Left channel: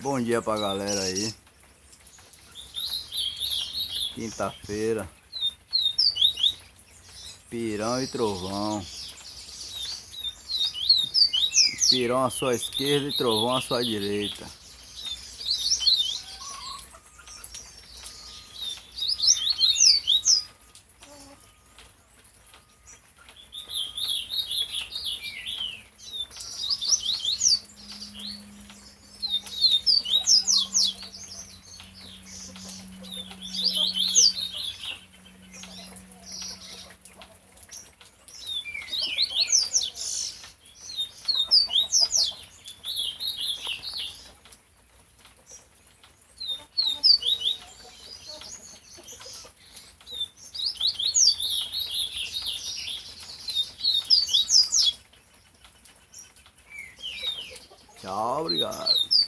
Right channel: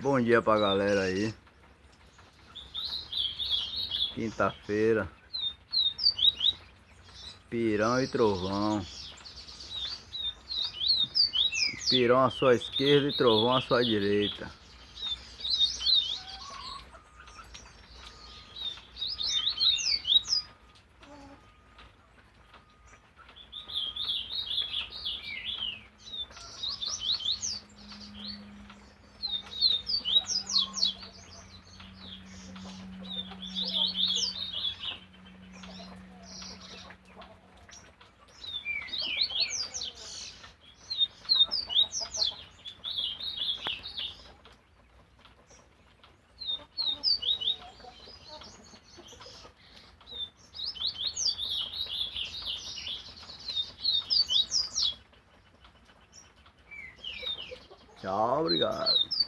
Bom dia pra galera aí. Quinta-feira. Pirão e trovão. Pirão à sua esquerda e trovão à sua direita. Tchau, obrigado.